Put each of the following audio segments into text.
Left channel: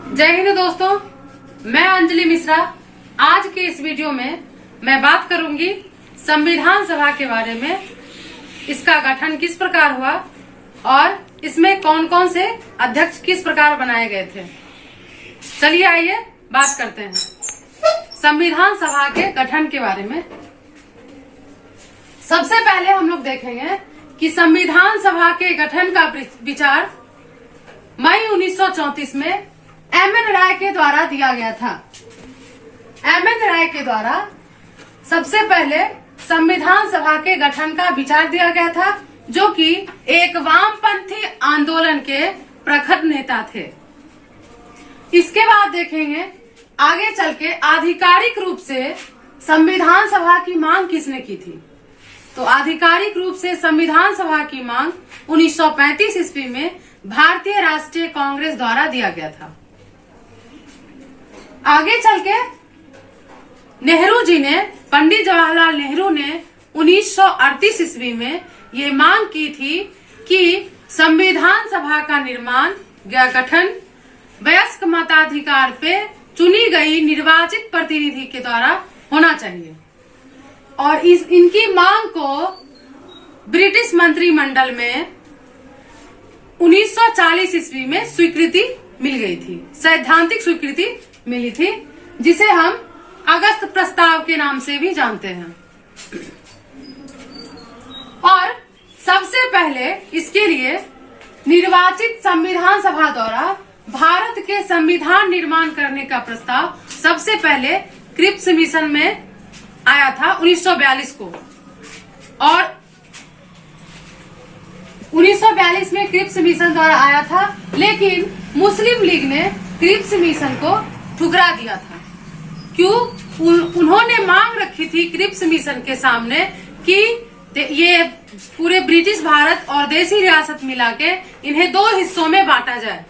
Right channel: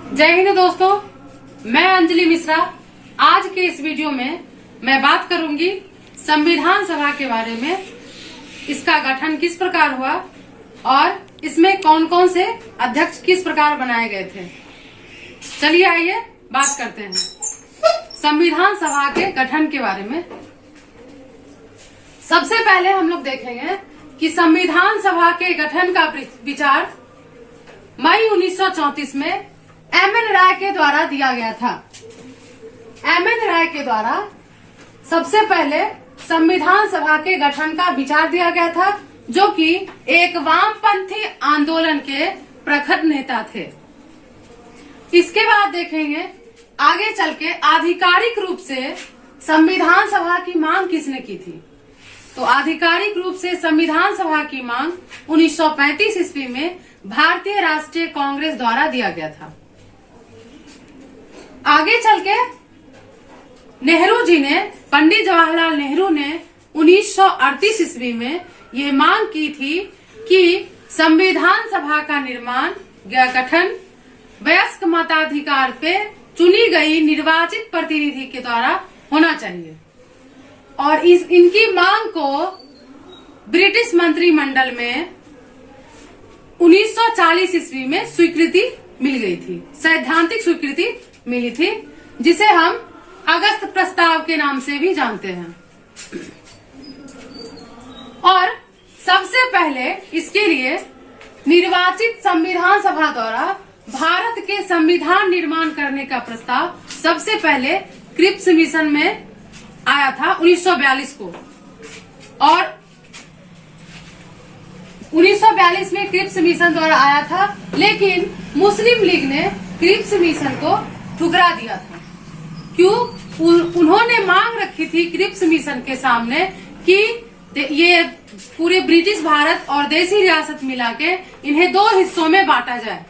जय हिंद दोस्तों, मैं अंजलि मिश्रा। आज के इस वीडियो में मैं बात करूंगी संविधान सभा के बारे में। इसका गठन किस प्रकार हुआ और इसमें कौन कौन से अध्यक्ष किस प्रकार बनाए गए थे। चलिए आइए बात करते हैं संविधान सभा के गठन के बारे में। सबसे पहले हम लोग देखेंगे कि संविधान सभा के गठन का विचार मई 1934 में एम.एन. राय के द्वारा दिया गया था। एम.एन. राय के द्वारा सबसे पहले संविधान सभा के गठन का विचार दिया गया था, जो कि एक वामपंथी आंदोलन के प्रखर नेता थे। इसके बाद देखेंगे आगे चल के आधिकारिक रूप से संविधान सभा की मांग किसने की थी। तो आधिकारिक रूप से संविधान सभा की मांग 1935 ईस्वी में भारतीय राष्ट्रीय कांग्रेस द्वारा दिया गया था। आगे चल के नेहरू जी ने, पंडित जवाहरलाल नेहरू ने 1938 ईस्वी में ये मांग की थी कि संविधान सभा का निर्माण या गठन वयस्क मताधिकार पे चुनी गई निर्वाचित प्रतिनिधि के द्वारा होना चाहिए। और इनकी मांग को ब्रिटिश मंत्रिमंडल में 1940 ईस्वी में स्वीकृति मिल गई थी, सैद्धांतिक स्वीकृति मिली थी, जिसे हम अगस्त प्रस्ताव के नाम से भी जानते हैं। और सबसे पहले इसके लिए निर्वाचित संविधान सभा द्वारा भारत के संविधान निर्माण करने का प्रस्ताव सबसे पहले क्रिप्स मिशन में आया था 1942 को। और 1942 में क्रिप्स मिशन द्वारा आया था, लेकिन मुस्लिम लीग ने क्रिप्स मिशन को ठुकरा दिया था। क्यों? उन्होंने मांग रखी थी क्रिप्स मिशन के सामने कि ये पूरे ब्रिटिश भारत और देसी रियासत मिला के इन्हें 2 हिस्सों में बांटा जाए।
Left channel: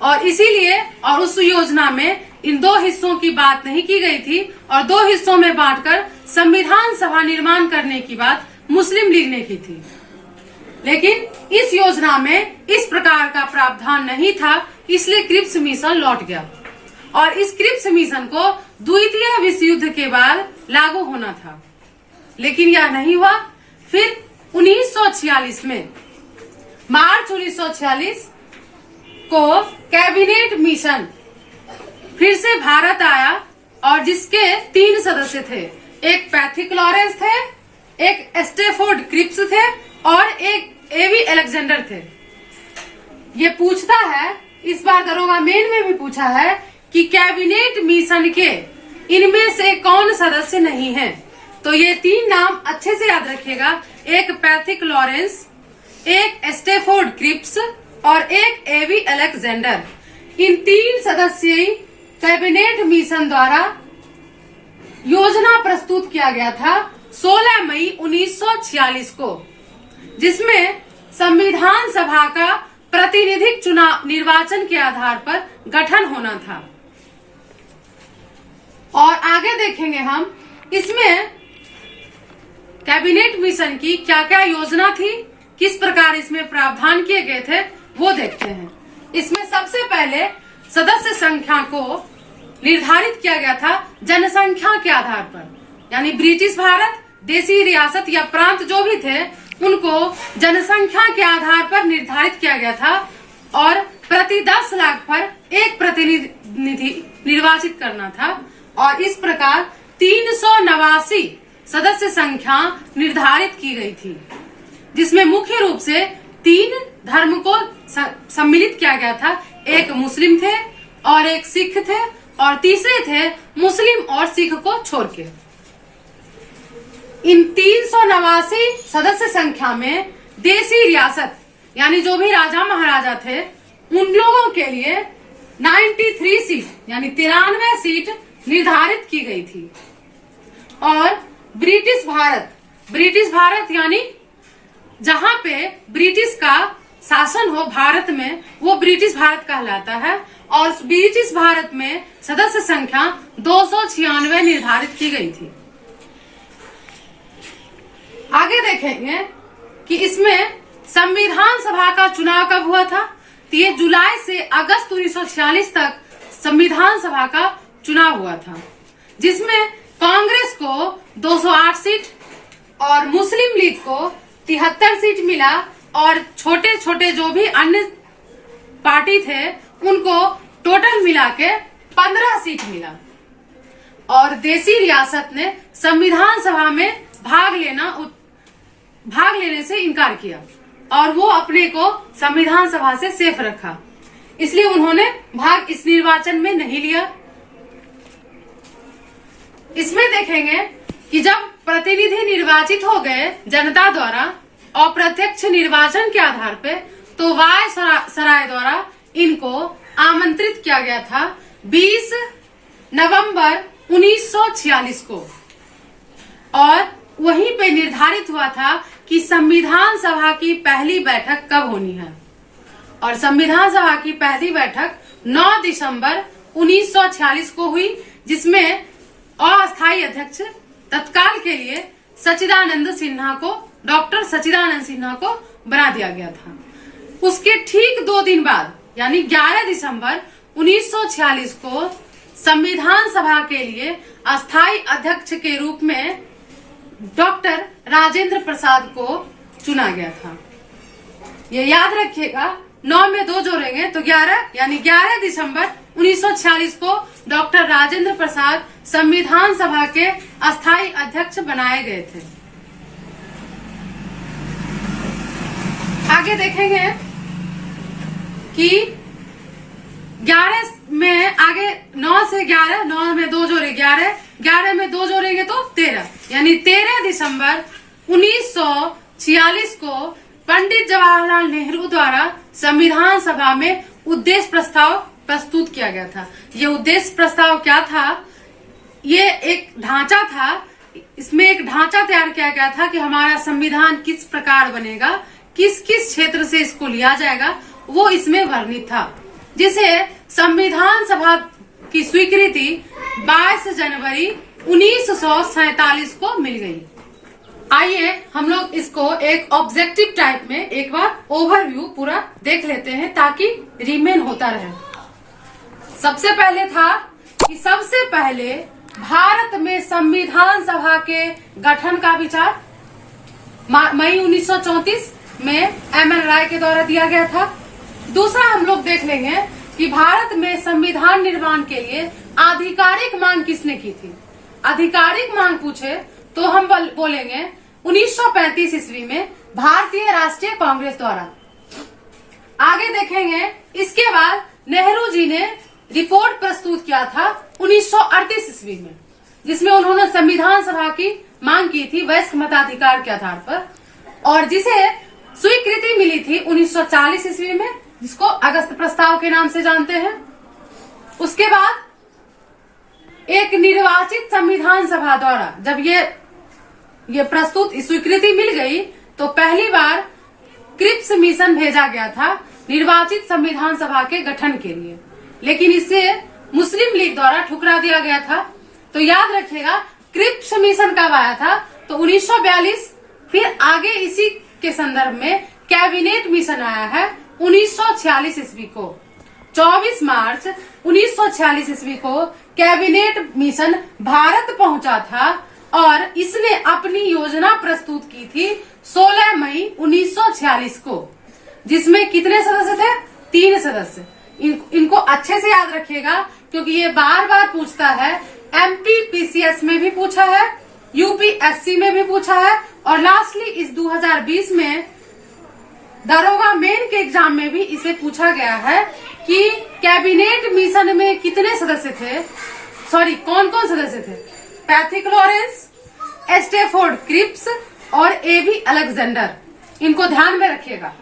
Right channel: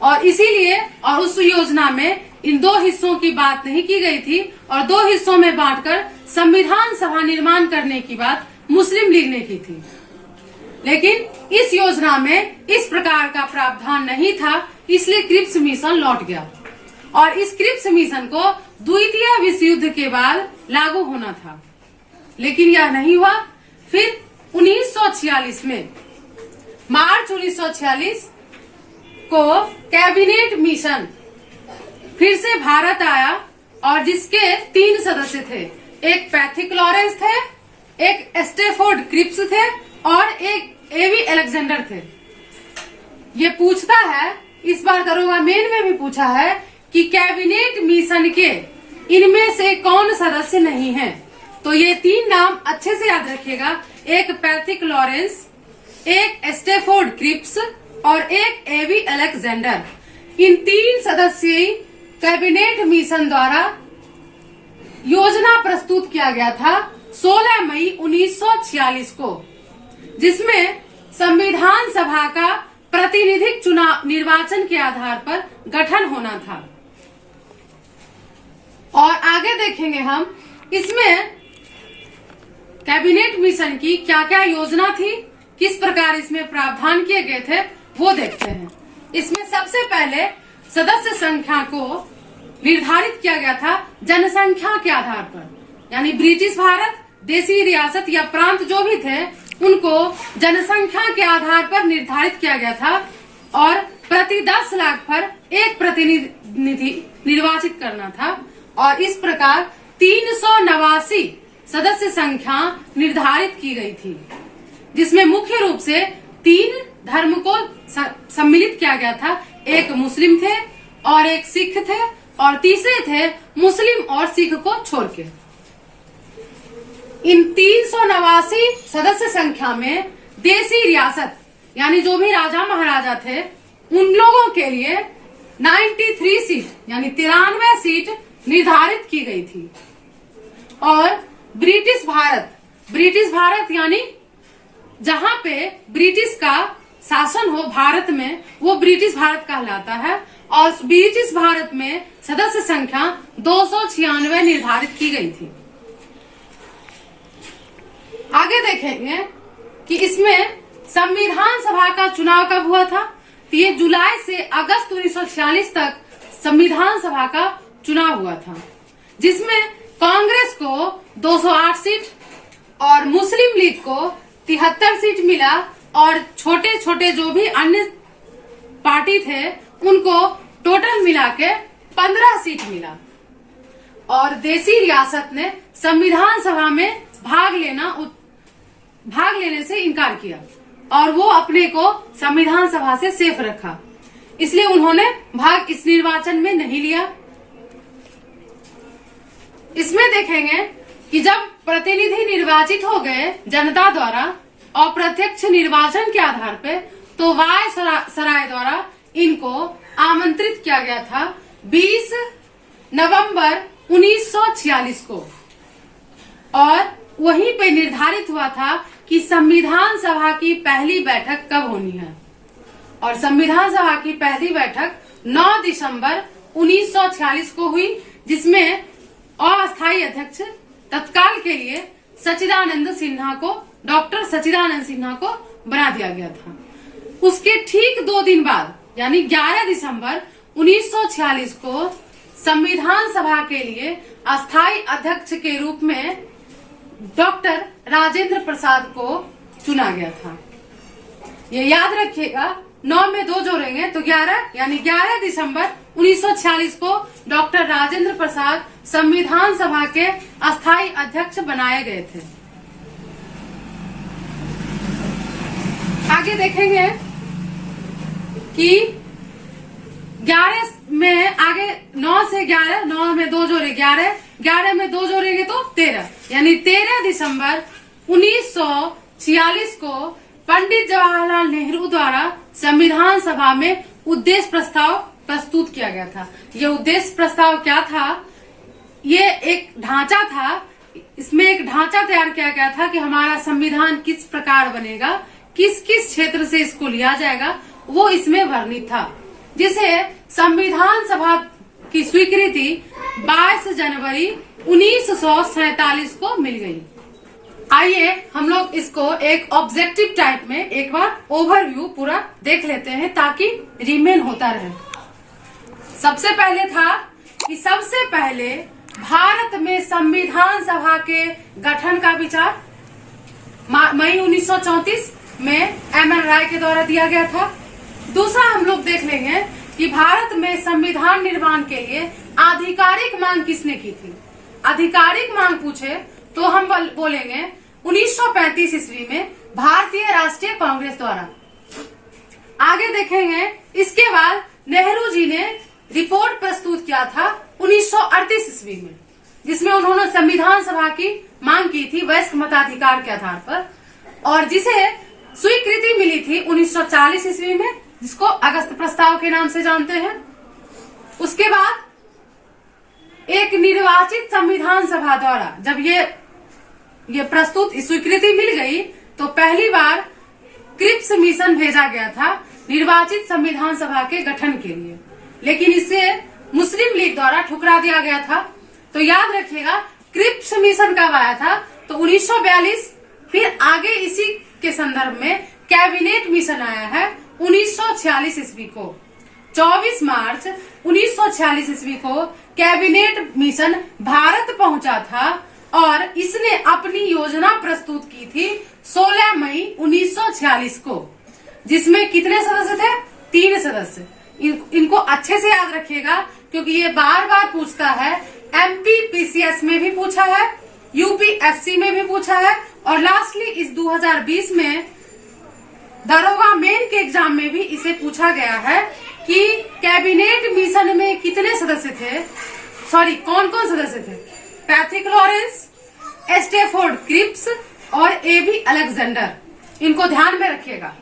और इसीलिए और उस योजना में इन 2 हिस्सों की बात नहीं की गई थी और 2 हिस्सों में बांटकर संविधान सभा निर्माण करने की बात मुस्लिम लीग ने की थी। लेकिन इस योजना में इस प्रकार का प्रावधान नहीं था, इसलिए क्रिप्स मिशन लौट गया। और इस क्रिप्स मिशन को द्वितीय विश्व युद्ध के बाद लागू होना था, लेकिन यह नहीं हुआ। फिर 1946 में मार्च 1946 को कैबिनेट मिशन फिर से भारत आया और जिसके 3 सदस्य थे। एक पैथिक लॉरेंस थे, एक स्टेफोर्ड क्रिप्स थे और एक एवी अलेक्जेंडर थे। ये पूछता है, इस बार दरोगा मेन में भी पूछा है कि कैबिनेट मिशन के इनमें से कौन सदस्य नहीं है। तो ये 3 नाम अच्छे से याद रखिएगा, एक पैथिक लॉरेंस, एक स्टेफोर्ड क्रिप्स और एक एवी अलेक्जेंडर। इन 3 सदस्यीय कैबिनेट मिशन द्वारा योजना प्रस्तुत किया गया था 16 मई 1946 को, जिसमें संविधान सभा का प्रतिनिधिक चुनाव निर्वाचन के आधार पर गठन होना था। और आगे देखेंगे हम इसमें कैबिनेट मिशन की क्या क्या योजना थी, किस प्रकार इसमें प्रावधान किए गए थे, वो देखते हैं। इसमें सबसे पहले सदस्य संख्या को निर्धारित किया गया था जनसंख्या के आधार पर, यानी ब्रिटिश भारत, देसी रियासत या प्रांत जो भी थे उनको जनसंख्या के आधार पर निर्धारित किया गया था और प्रति 10 लाख पर एक प्रतिनिधि निर्वाचित करना था। और इस प्रकार 389 सदस्य संख्या निर्धारित की गई थी, जिसमें मुख्य रूप से 3 धर्म को सम्मिलित किया गया था। एक मुस्लिम थे और एक सिख थे और तीसरे थे मुस्लिम और सिख को छोड़ के। इन 389 सदस्य संख्या में देसी रियासत यानी जो भी राजा महाराजा थे उन लोगों के लिए 93 सीट यानी 93 सीट निर्धारित की गई थी। और ब्रिटिश भारत यानी जहां पे ब्रिटिश का शासन हो भारत में, वो ब्रिटिश भारत कहलाता है। और ब्रिटिश भारत में सदस्य संख्या 296 निर्धारित की गई थी। आगे देखेंगे कि इसमें संविधान सभा का चुनाव कब हुआ था। तो ये जुलाई से अगस्त 1946 तक संविधान सभा का चुनाव हुआ था, जिसमें कांग्रेस को 208 सीट और मुस्लिम लीग को 73 सीट मिला और छोटे छोटे जो भी अन्य पार्टी थे उनको टोटल मिला के 15 सीट मिला। और देसी रियासत ने संविधान सभा में भाग लेने से इनकार किया और वो अपने को संविधान सभा से सेफ रखा, इसलिए उन्होंने भाग इस निर्वाचन में नहीं लिया। इसमें देखेंगे कि जब प्रतिनिधि निर्वाचित हो गए जनता द्वारा अप्रत्यक्ष निर्वाचन के आधार पे, तो वायसराय द्वारा इनको आमंत्रित किया गया था 20 नवंबर 1946 को, और वहीं पे निर्धारित हुआ था कि संविधान सभा की पहली बैठक कब होनी है। और संविधान सभा की पहली बैठक 9 दिसंबर 1946 को हुई, जिसमें अस्थायी अध्यक्ष तत्काल के लिए डॉक्टर सच्चिदानंद सिन्हा को बना दिया गया था। उसके ठीक 2 दिन बाद यानी 11 दिसंबर 1946 को संविधान सभा के लिए अस्थायी अध्यक्ष के रूप में डॉक्टर राजेंद्र प्रसाद को चुना गया था। ये याद रखिएगा, 9 में 2 जोड़ेंगे तो 11, यानी 11 दिसंबर 1946 को डॉक्टर राजेंद्र प्रसाद संविधान सभा के अस्थायी अध्यक्ष बनाए गए थे। आगे देखेंगे कि 11 में आगे 9 से 11, 9 में 2 जोड़े 11, 11 में 2 जोड़ेंगे तो 13, यानी 13 दिसंबर 1946 को पंडित जवाहरलाल नेहरू द्वारा संविधान सभा में उद्देश्य प्रस्ताव प्रस्तुत किया गया था। ये उद्देश्य प्रस्ताव क्या था? ये एक ढांचा था, इसमें एक ढांचा तैयार किया गया था कि हमारा संविधान किस प्रकार बनेगा, किस किस क्षेत्र से इसको लिया जाएगा, वो इसमें वर्णित था, जिसे संविधान सभा की स्वीकृति 22 जनवरी 1947 को मिल गई। आइए हम लोग इसको एक ऑब्जेक्टिव टाइप में एक बार ओवरव्यू पूरा देख लेते हैं ताकि रिमेन होता रहे। सबसे पहले था कि सबसे पहले भारत में संविधान सभा के गठन का विचार मई 1934 में एम.एन. राय के द्वारा दिया गया था। दूसरा हम लोग देख लेंगे कि भारत में संविधान निर्माण के लिए आधिकारिक मांग किसने की थी। आधिकारिक मांग पूछे तो हम बोलेंगे 1935 ईस्वी में भारतीय राष्ट्रीय कांग्रेस द्वारा। आगे देखेंगे, इसके बाद नेहरू जी ने रिपोर्ट प्रस्तुत किया था 1938 ईस्वी में, जिसमें उन्होंने संविधान सभा की मांग की थी वयस्क मताधिकार के आधार पर, और जिसे स्वीकृति मिली थी 1940 ईस्वी में, जिसको अगस्त प्रस्ताव के नाम से जानते हैं। उसके बाद एक निर्वाचित संविधान सभा द्वारा जब ये प्रस्तुत स्वीकृति मिल गई तो पहली बार क्रिप्स मिशन भेजा गया था निर्वाचित संविधान सभा के गठन के लिए, लेकिन इसे मुस्लिम लीग द्वारा ठुकरा दिया गया था। तो याद रखिएगा क्रिप्स मिशन कब आया था, तो 1942। फिर आगे इसी के संदर्भ में कैबिनेट मिशन आया है 1946 ईस्वी को। 24 मार्च 1946 ईस्वी को कैबिनेट मिशन भारत पहुंचा था और इसने अपनी योजना प्रस्तुत की थी 16 मई 1946 को, जिसमें कितने सदस्य थे? 3 सदस्य। इनको अच्छे से याद रखिएगा क्योंकि ये बार बार पूछता है। MPPCS में भी पूछा है, UPSC में भी पूछा है, और लास्टली इस 2020 में दरोगा मेन के एग्जाम में भी इसे पूछा गया है कि कैबिनेट मिशन में कितने सदस्य थे, कौन कौन सदस्य थे? पैथिक लॉरेंस, स्टेफोर्ड क्रिप्स और एबी अलेक्जेंडर। इनको ध्यान में रखिएगा।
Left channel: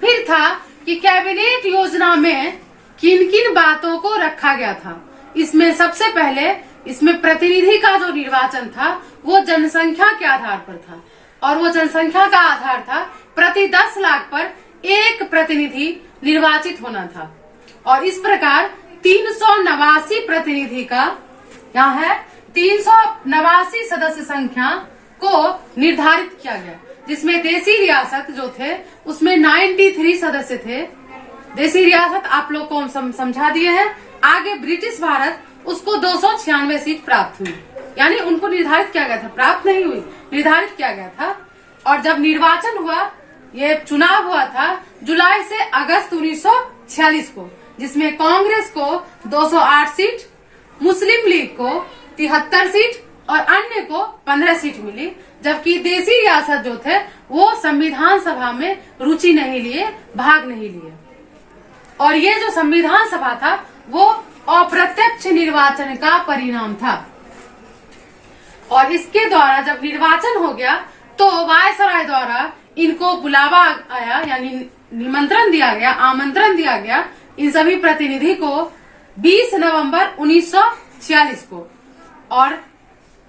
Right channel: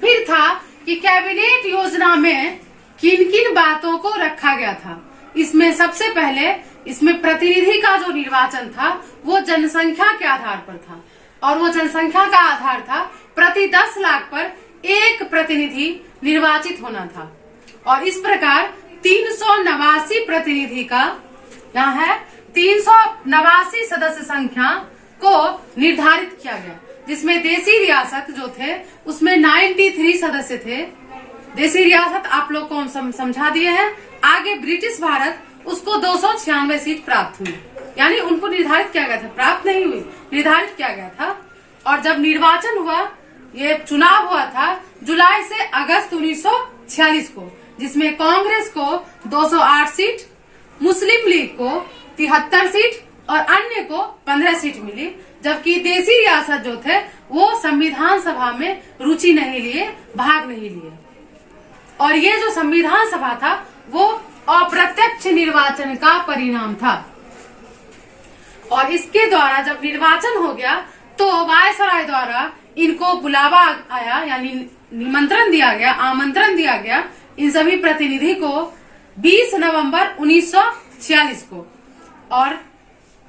फिर था कि कैबिनेट योजना में किन किन बातों को रखा गया था। इसमें सबसे पहले इसमें प्रतिनिधि का जो निर्वाचन था वो जनसंख्या के आधार पर था, और वो जनसंख्या का आधार था प्रति 10 लाख पर एक प्रतिनिधि निर्वाचित होना था। और इस प्रकार 389 प्रतिनिधि का यहाँ है 389 सदस्य संख्या को निर्धारित किया गया, जिसमें देसी रियासत जो थे उसमें 93 सदस्य थे देसी रियासत आप लोग को हम समझा दिए हैं। आगे ब्रिटिश भारत उसको 296 सीट प्राप्त हुई, यानी उनको निर्धारित किया गया था, प्राप्त नहीं हुई, निर्धारित किया गया था। और जब निर्वाचन हुआ, ये चुनाव हुआ था जुलाई से अगस्त 1946 को, जिसमें कांग्रेस को 208 सीट, मुस्लिम लीग को 73 सीट और अन्य को 15 सीट मिली। जबकि देसी रियासत जो थे वो संविधान सभा में रुचि नहीं लिए, भाग नहीं लिए। और ये जो संविधान सभा था वो अप्रत्यक्ष निर्वाचन का परिणाम था। और इसके द्वारा जब निर्वाचन हो गया तो वायसराय द्वारा इनको बुलावा आया, यानी निमंत्रण दिया गया, आमंत्रण दिया गया इन सभी प्रतिनिधि को 20 नवंबर 1946 को। और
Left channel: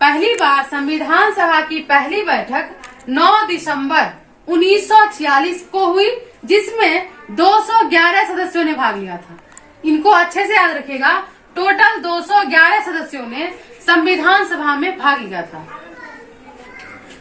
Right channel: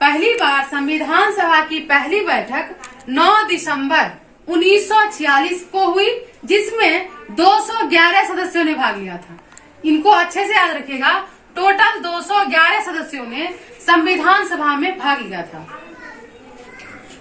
पहली बार संविधान सभा की पहली बैठक 9 दिसंबर 1946 को हुई, जिसमें 211 सदस्यों ने भाग लिया था। इनको अच्छे से याद रखिएगा, टोटल 211 सदस्यों ने संविधान सभा में भाग लिया था,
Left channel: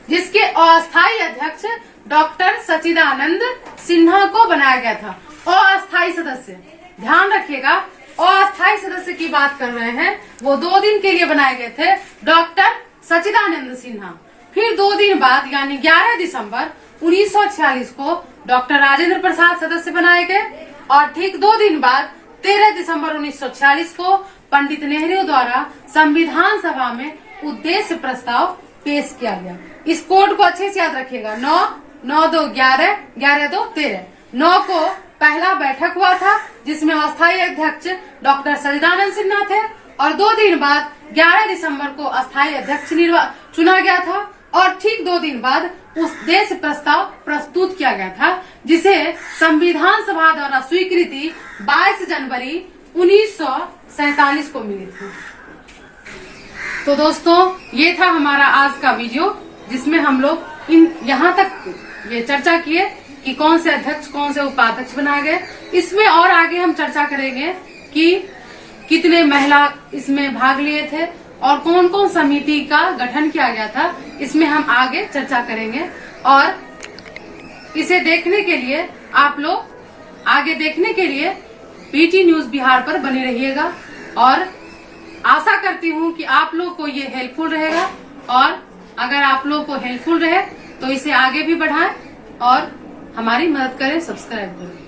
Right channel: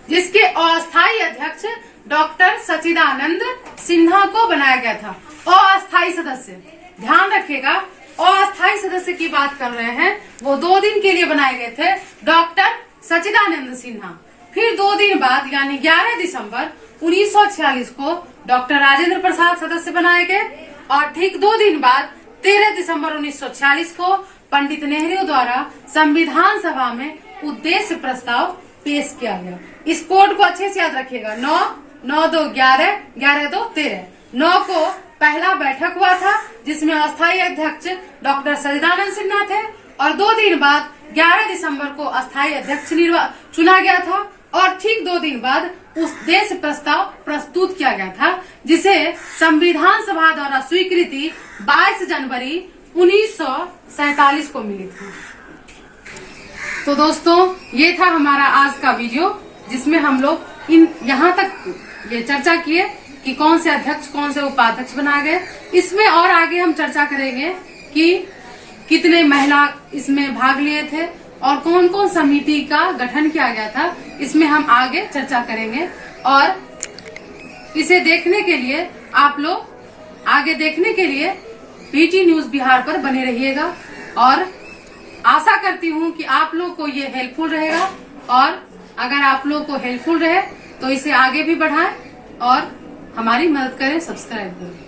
जिसके अस्थायी अध्यक्ष डॉक्टर सच्चिदानंद सिन्हा को बनाया गया था। अस्थायी सदस्य, ध्यान रखिएगा, अस्थायी सदस्य की बात कर रहे हैं, वो 2 दिन के लिए बनाए गए थे डॉक्टर सच्चिदानंद सिन्हा। फिर 2 दिन बाद यानी 11 दिसंबर 1946 को डॉक्टर राजेंद्र प्रसाद सदस्य बनाए गए। और ठीक 2 दिन बाद 13 दिसंबर 1946 को पंडित नेहरू द्वारा संविधान सभा में उद्देश्य प्रस्ताव पेश किया गया। इस कोड को अच्छे से याद रखिएगा, 9-9-2 11, 11-2 13। 9 को पहला बैठक हुआ था जिसमें अस्थायी अध्यक्ष डॉक्टर सच्चिदानंद सिन्हा थे, और 2 दिन बाद 11 दिसंबर को अस्थायी अध्यक्ष चुना गया था। और ठीक 2 दिन बाद उद्देश्य प्रस्ताव प्रस्तुत किया गया था, जिसे संविधान सभा द्वारा स्वीकृति 22 जनवरी 1947 को मिली थी। तो दोस्तों, ये था हमारा आज का वीडियो, जिसमें हम लोग यहाँ तक ये चर्चा किए कि कौन से अध्यक्ष कौन से उपाध्यक्ष बनाए गए। इसमें और आगे हम चर्चा करेंगे कि कितने महिला इसमें भाग लिए थे और कौन कौन समिति का गठन किया गया था, इसमें हम आगे चर्चा करेंगे। और इसे देखने के लिए आप लोग आगे देखने के लिए पीटी न्यूज बिहार पर बने रहिएगा। और आशा करती हूँ कि आप लोग को ये हेल्पफुल रहेगा, और अगर आप लोग को हेल्पफुल रहे तो इसे आगे भी बढ़ाएं और हमारी मदद करें, सब्सक्राइब करें।